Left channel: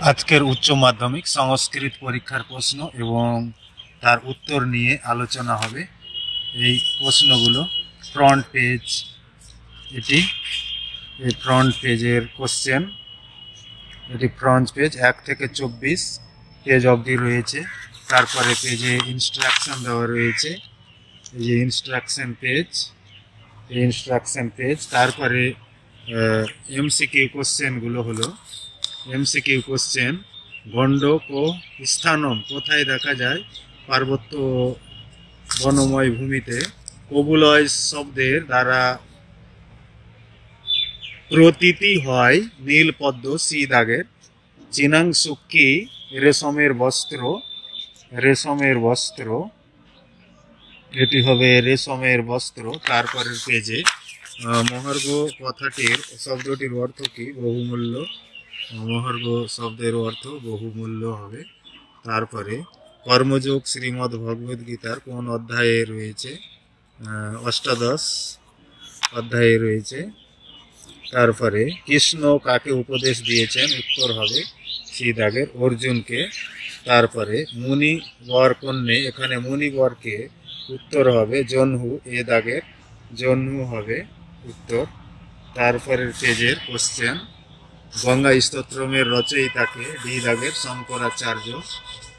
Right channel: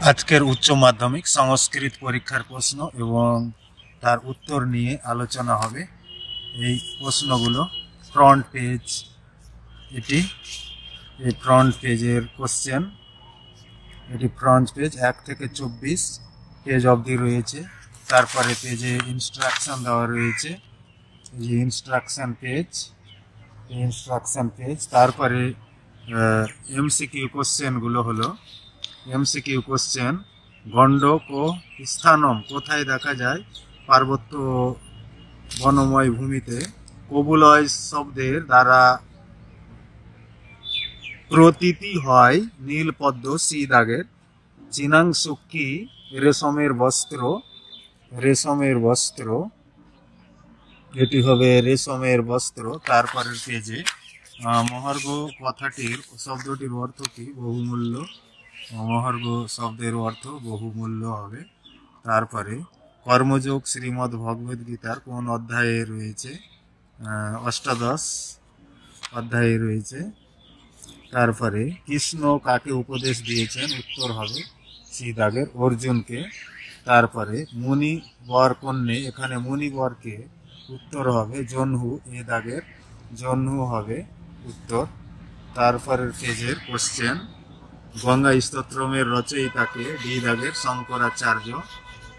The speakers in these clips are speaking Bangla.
আজকের উচ্চ মাধ্যমিক সংস্কৃত পরীক্ষার প্রশ্ন এবং তার উত্তর নিয়ে আলোচনা হবে। এই প্রশ্নগুলো ফ্রন্ট পেজ, এটি এই ফ্রন্ট পেজের কোশ্চেন। এটি ফ্রন্ট পেজ 1 থেকে 24 পেজ অবধি রয়েছে। তারপরে পেজে ইনস্ট্রাকশন দেওয়া রয়েছে, এই যে ইনস্ট্রাকশন পেজ, এই ইনস্ট্রাকশন পেজ। তারপরে এমসিকিউ কোশ্চেনগুলো হলো এমসিকিউ কোশ্চেন, গণ্ডক ও স্থানম কোথায় দেখা যায়? পার্বত্য বনময় ভূমিতে। কবুলয় শব্দের দ্বারা প্রতীতি হয় নীলপদ্ম সি দাগের। চিনাংশুক কি? রেশমের বস্ত্র, রেশমের বস্ত্র, এটি হবে রেশমের বস্ত্র। তারপরের পেজে মহার্ঘ কথাটির শব্দটির অর্থ কি? বহুমূল্য। মহার্ঘ শব্দের অর্থ বহুমূল্য হবে। তারপরে কর্মযোগ শ্রীমদ্ ভগবদ গীতার কোন অধ্যায়ে রয়েছে? অষ্টাদশ অধ্যায়ে রয়েছে। তারপরে কৃষ্ণ কাকে উপদেশ দিয়েছেন? উত্তর হবে সি দাগের অর্জুনকে। তারপরে মুনি বর কন্যে, এখানে মুনি বরকে, উত্তর হবে জহ্নু, এ দাগের জহ্নু হবে উত্তর। তারপরের পেজের কোশ্চেন, গঙ্গা স্তোত্রমের রচয়িতাকে? ডি দাগের শঙ্করাচার্য,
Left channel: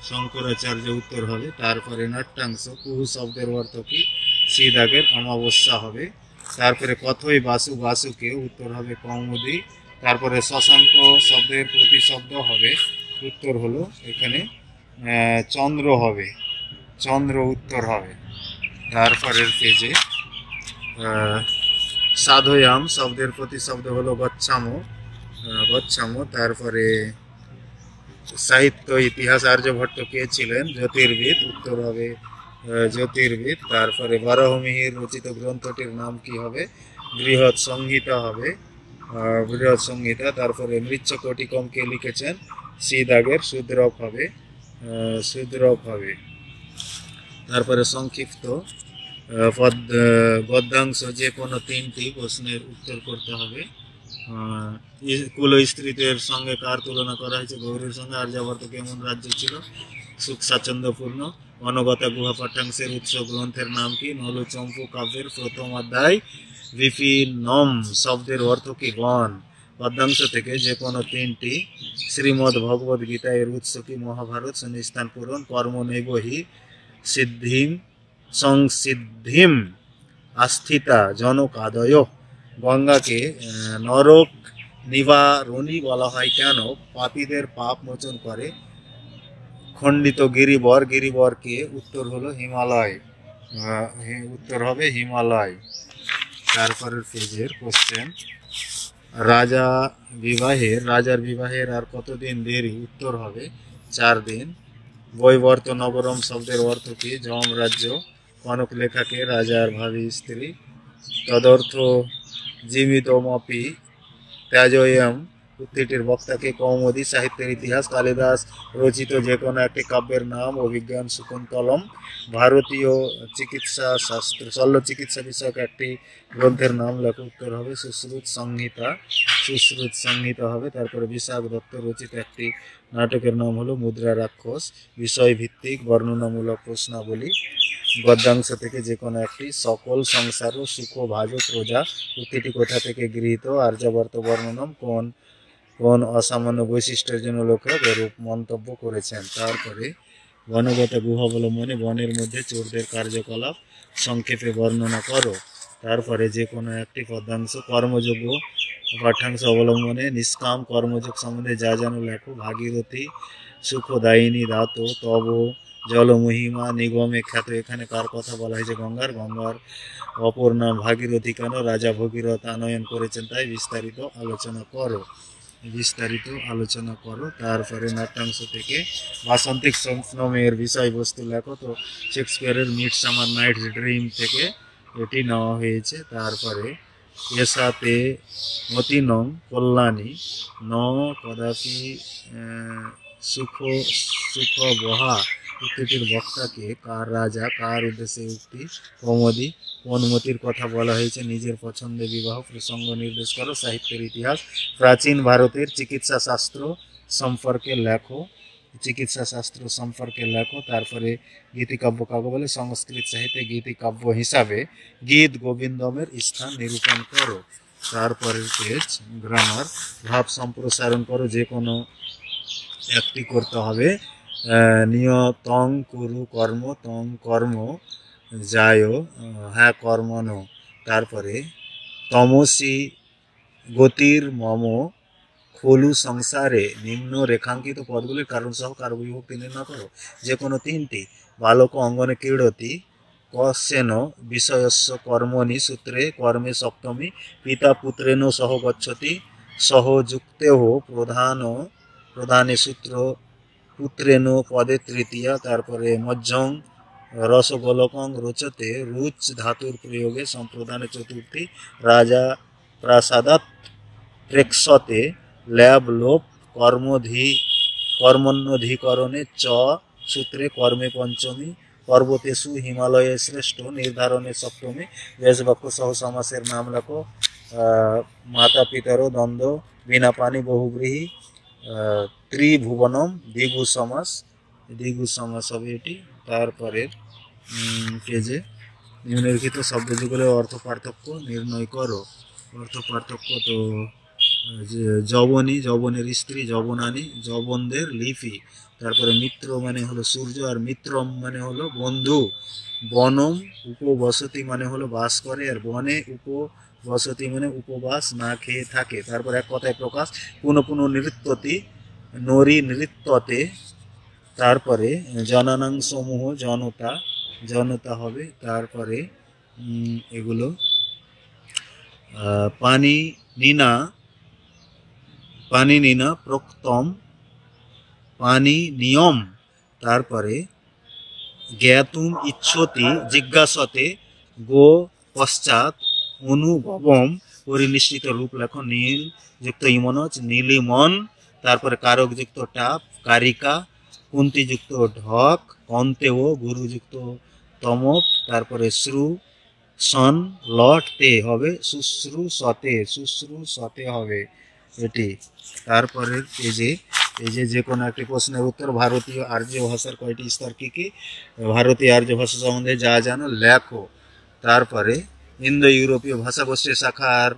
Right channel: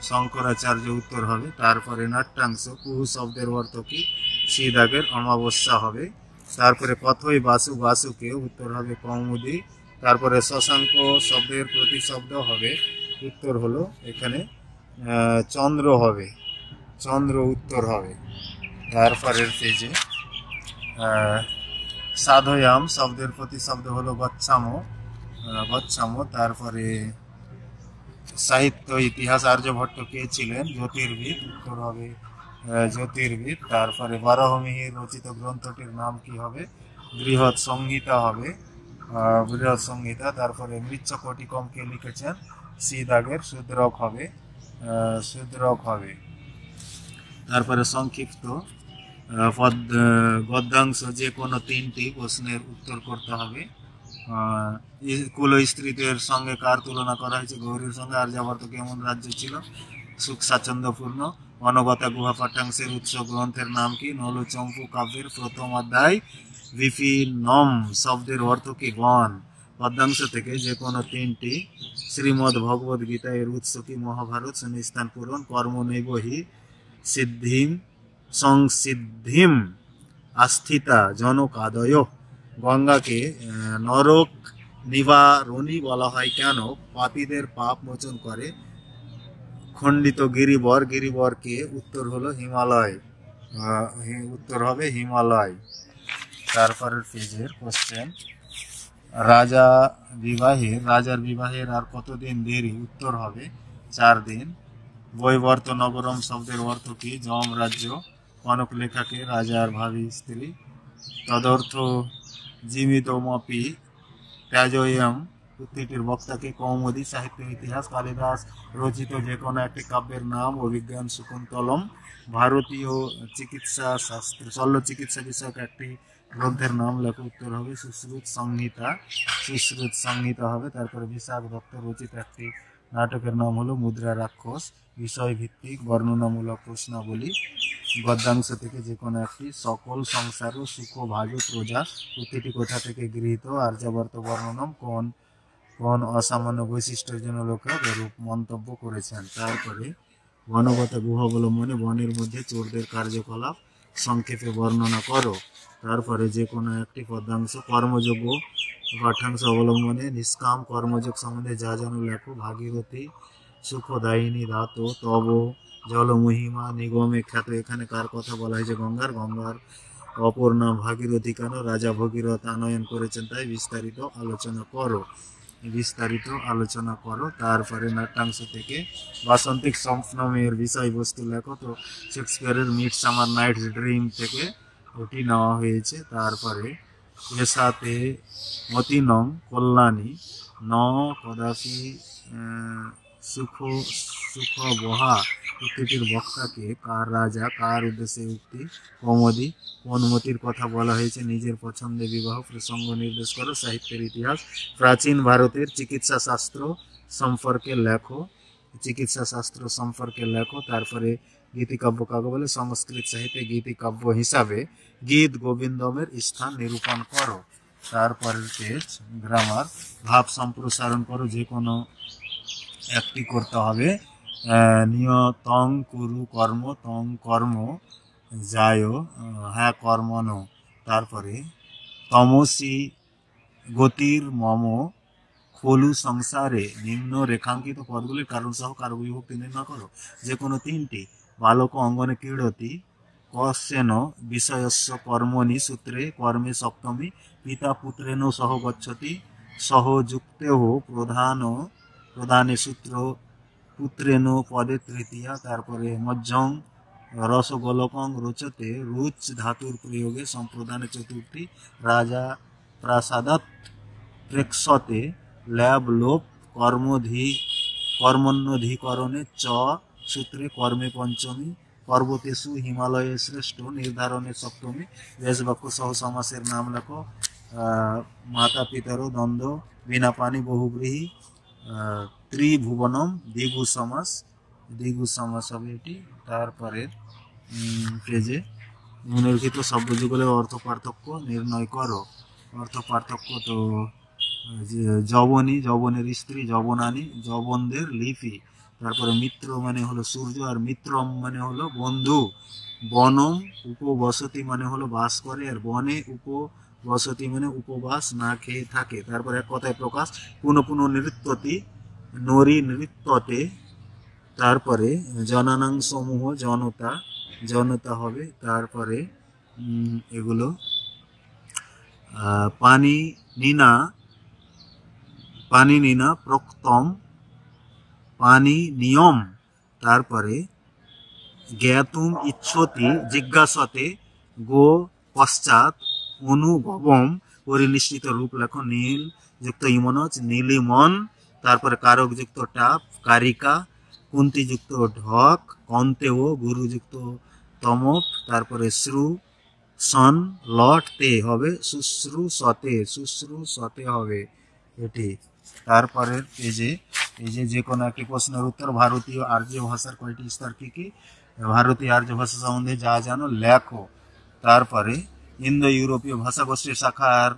শঙ্করাচার্য উত্তর হবে। তারপরে নাট্যাংশ, কুহু শব্দের অর্থ কি? সি দাগের অমাবস্যা হবে। তারপরে কথই বাসু বাসুকে? উত্তর হবে কৌমুদি। তারপরে শশাঙ্ক শব্দের প্রতিশব্দ হবে, উত্তর হলো এখানে চন্দ্র হবে, চন্দ্র উত্তর হবে। তারপরের পেজে সাধয়াম শব্দের প্রতিশব্দ হলো গচ্ছামো, গচ্ছামো। তারপরে সাহিত্য ইতিহাস, আর্যভট্ট কে ছিলেন? জ্যোতির্বিদ, উত্তর হবে জ্যোতির্বিদ। তারপরে বারহমিহির রচিত গ্রন্থটির নাম কি হবে? বৃহৎ সংহিতা হবে, বৃহৎ সংহিতা। তারপরে মৃচ্ছকটিকম কে লিখেছেন? সি দাগের শূদ্রক হবে, শূদ্রক হবে। তারপরে সংক্ষিপ্ত গদ্যাংশ, যে কোনো 3টি প্রশ্নের উত্তর করতে হবে। কুল স্ত্রীদের সঙ্গে কার তুলনা করা হয়েছে? গৌরীর সঙ্গে। আর্যাবর্ত কেমন রাজ্য ছিল? সুখ স্বাচ্ছন্দ্যপূর্ণ। অনগতা গুহা পাঠ্যাংশের উৎস গ্রন্থের নাম কি? নলু চম্পু কাব্যের প্রথম অধ্যায়। বিপিনম শব্দের অর্থ কি? গণ। পদ্যাংশ থেকে যে কোনো 3টি। শ্রীমদ্ ভগবদ গীতা এর উৎস কি? মহাভারত। শূন্যস্থান পূরণ। কর্ম নৈব হি সিদ্ধিম সংসিদ্ধিম আস্থিতা জনকাদয়। গঙ্গাকে নরক নিবারণী বলা হয় কেন? পাপীদের পাপ মোচন করে। খণ্ডিত গিরিবর, গিরিবরকে? উত্তর হলো হিমালয়, উত্তর হবে হিমালয়। তারপরের পেজের কোশ্চেন, রাজার বিবাহের আর কতদিন দেরি? উত্তর হবে 4 দিন। বৈবর্ত নগরম শব্দের অর্থ কি? যম রাজ্য। কনক লেখাকে? রাজার ভাবী স্ত্রী। তদর্থ জীবিতমপি ত্যাজয়ম উক্তিটির বক্তাকে? কৌমুদি। সাহিত্যের ইতিহাস, কালিদাস রচিত যে কোনো একটি কাব্যের নাম। অভিজ্ঞান শকুন্তলম। ভারতীয় চিকিৎসা শাস্ত্র, শল্য চিকিৎসা বিষয়ক একটি গ্রন্থের নাম লেখো। উত্তর হবে সুশ্রুত সংহিতা, সুশ্রুত সংহিতা হবে। তারপরে বিশাখ দত্ত রচিত একটি নাটকের নাম হলো মুদ্রা রাক্ষস। বিষয়ভিত্তিক বর্ণনামূলক প্রশ্নাবলী। গদ্যাংশ থেকে যে কোনো একটি। সকল সংসার ও সুখ ভাজ প্রজা উক্তিটি কোথা থেকে গৃহীত? আর্যাবর্ত বর্ণনম কোন কোন অসামান্য বৈশিষ্ট্যের জন্য লোকেরা এরূপ মন্তব্য করেছেন? তারপরে বনগত গুহ অবলম্বনে বনের মধ্যে চোরদের কার্যকলাপ সংক্ষেপে বর্ণনা করো। তারপরে যে কোনো একটি পদ্যাংশ। কর্মযোগ্য পাঠ্যাংশ অবলম্বনে নিষ্কাম কর্মযোগ সম্বন্ধে যা জানো লেখো। ভাগীরথী সুখদায়িনী ধাত তব জলমহিমা নিগমে খ্যাত, এখানে কার কথা বলা হয়েছে? গঙ্গার। গঙ্গার অপর নাম ভাগীরথী কেন? রাজা ভগীরথ আনয়ন করেছেন তাই। বিস্তারিত আলোচনা করো, বিস্তারিত আলোচনা করো। তারপরে নাট্যাংশ থেকে বাসন্তিক স্বপ্নমের বিষয়বস্তু লেখো। তো শেক্সপিয়ারের মিডসামার নাইটস ড্রিম থেকে এটি নেওয়া হয়েছে। তারপরে এসাতে মতিনং কল্যাণী ন কদাপি সুখ সুখ বহা উক্তিটির বক্তাকে, কার রাজা, কার উদ্দেশ্যে উক্তি, কৌমুদী, কোন মতির কথা বলা হয়েছে, নিজের পছন্দে বিবাহ প্রসঙ্গ নির্দেশ করো, সাহিত্যের ইতিহাস, প্রাচীন ভারতের চিকিৎসা শাস্ত্র সম্পর্কে লেখো, চিকিৎসা শাস্ত্র সম্পর্কে লেখো। তারপরে গীতিকাব্য কাকে বলে, সংস্কৃত সাহিত্যে গীতিকাব্য হিসাবে গীত গোবিন্দমের স্থান নিরূপণ করো। তারপরের পেজ গ্রামার, ভাব সম্প্রসারণ করো, যে কোনো একটি করতে হবে। নিয়তং কুরু কর্ম, তং কর্ম যায়, হ্যাঁ কর্মণ। তারপরে তমসি গতির মম খলু সংসারে, নিম্ন রেখাঙ্কিত পদগুলির কারণ সহ কারক বিভক্তি নির্ণয় করো, যে কোনো তিনটি। বালক অঙ্গনে ক্রীড়তি, কস্যেন বিষয়স্য কর্মণি সূত্রে কর্মে সপ্তমী, পিতা পুত্রেণ সহ গচ্ছতি, সহযুক্তেহ প্রধানে সূত্র পুত্রেণ পদে তৃতীয়া। তারপরে মধ্যং রসগোলকং রোচতে, রুচ ধাতুর প্রয়োগে সম্প্রদানে চতুর্থী। রাজা প্রাসাদাৎ প্রেক্ষতে, ল্যাব লোপ কর্মণ্যধিকরণে চ সূত্রে কর্মে পঞ্চমী। পর্বতেষু হিমালয়ে শ্রেষ্ঠ, নির্ধারণে সপ্তমী। বেশবাক্য সহ সমাসের নাম লেখো। মাতা পিতার দ্বন্দ্ব, বিনা পানি বহুব্রীহি, ত্রিভুবনম, দ্বিগু সমাস হবে এটি। তারপরে পেজে নিম্নলিখিত শব্দযুগলের অর্থ পার্থক্য নির্ণয় করো। অর্থ পার্থক্য তো যবনী, যবনের স্ত্রী, যবনানী, যবনদের লিপি। তারপরে মিত্র মানে হলো সূর্য, আর মিত্রম মানে হলো বন্ধু। বনম উপবসতি মানে হলো বাস করে, আর বনে উপবসতি মানে উপবাস না খেয়ে থাকে। তারপর এক কথায় প্রকাশ, পুনঃ পুনঃ নৃত্যতি, নরি নৃত্যতে। তারপরে জনানাং সমূহ, জনতা হবে। তারপরে এগুলো পানি নিনা প্রক্তম, পানি নিয়ম। তারপরে জ্ঞাতুম ইচ্ছতি জিজ্ঞাসতে, গো পশ্চাৎ অনুভবম। পরিনিষ্ঠিত রূপ লেখো, নীল যুক্ত ইমনচ, নীলিমন। তারপরে কারক যুক্ত টাপ, কারিকা। কুন্তি যুক্ত ঢক, কন্তেও। গুরু যুক্ত তমপ। তারপরে শ্রু সন লট তে হবে, শুশ্রূষতে হবে এটি। তারপরের পেজে যে কোনো একটি প্রশ্নের উত্তর। ভারতীয় আর্য ভাষার কয়টি স্তর কি কি, ভারতীয় আর্য ভাষা সম্বন্ধে যা জানো লেখো। তারপরে ইন্দো ইউরোপীয় ভাষাগোষ্ঠীর শাখার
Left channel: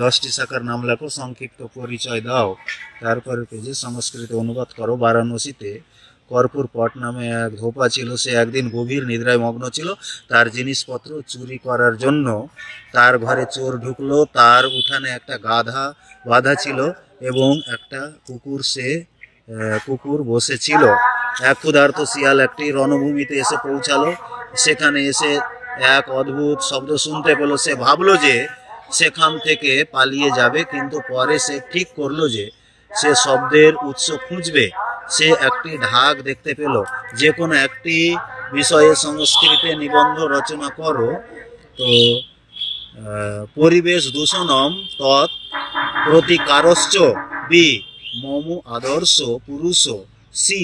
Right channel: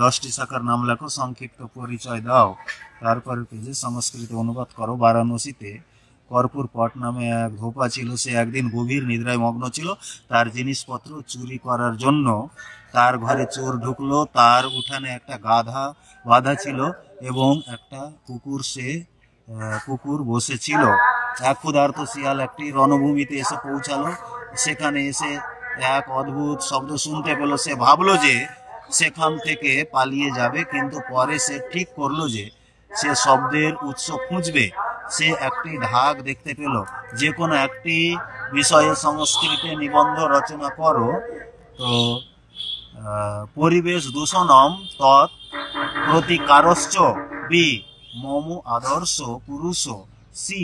10টি শাখার নাম লেখো, সংক্ষিপ্ত পরিচয় দাও। তারপরে পেজে সংস্কৃতে অনুবাদ করো। বারাণসীতে কর্পূর পট নামে এক ধোপা ছিল। সে একদিন গভীর নিদ্রায় মগ্ন ছিল। তার জিনিসপত্র চুরি করার জন্য তার ঘরে চোর ঢুকলো। তার উঠানে একটা গাধা বাঁধা ছিল এবং একটা কুকুর বসেছিল। এক ক্ষুধার্ত শিয়াল একটি রণভূমিতে এসে পৌঁছালো। সেখানে এসে এক অদ্ভুত শব্দ শুনতে পেল। সে ভাবলো যে সেখান থেকে পালিয়ে যাবে, কিন্তু পরে সে ঠিক করলো যে সে শব্দের উৎস খুঁজবে। সে একটি ঢাক দেখতে পেল। যে কোনো একটি বিষয়ে সংস্কৃতে নিবন্ধ রচনা করো। তো পরিবেশ দূষণম তৎ প্রতিকারশ্চ বি মম আদর্শ পুরুষ সি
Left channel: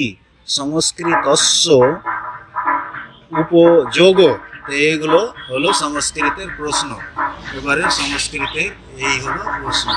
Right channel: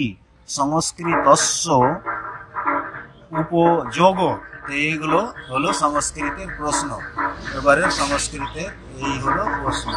সংস্কৃতস্য উপযোগ। তো এইগুলো হলো সংস্কৃতের প্রশ্ন। এবারে সংস্কৃতের এই হলো প্রশ্ন।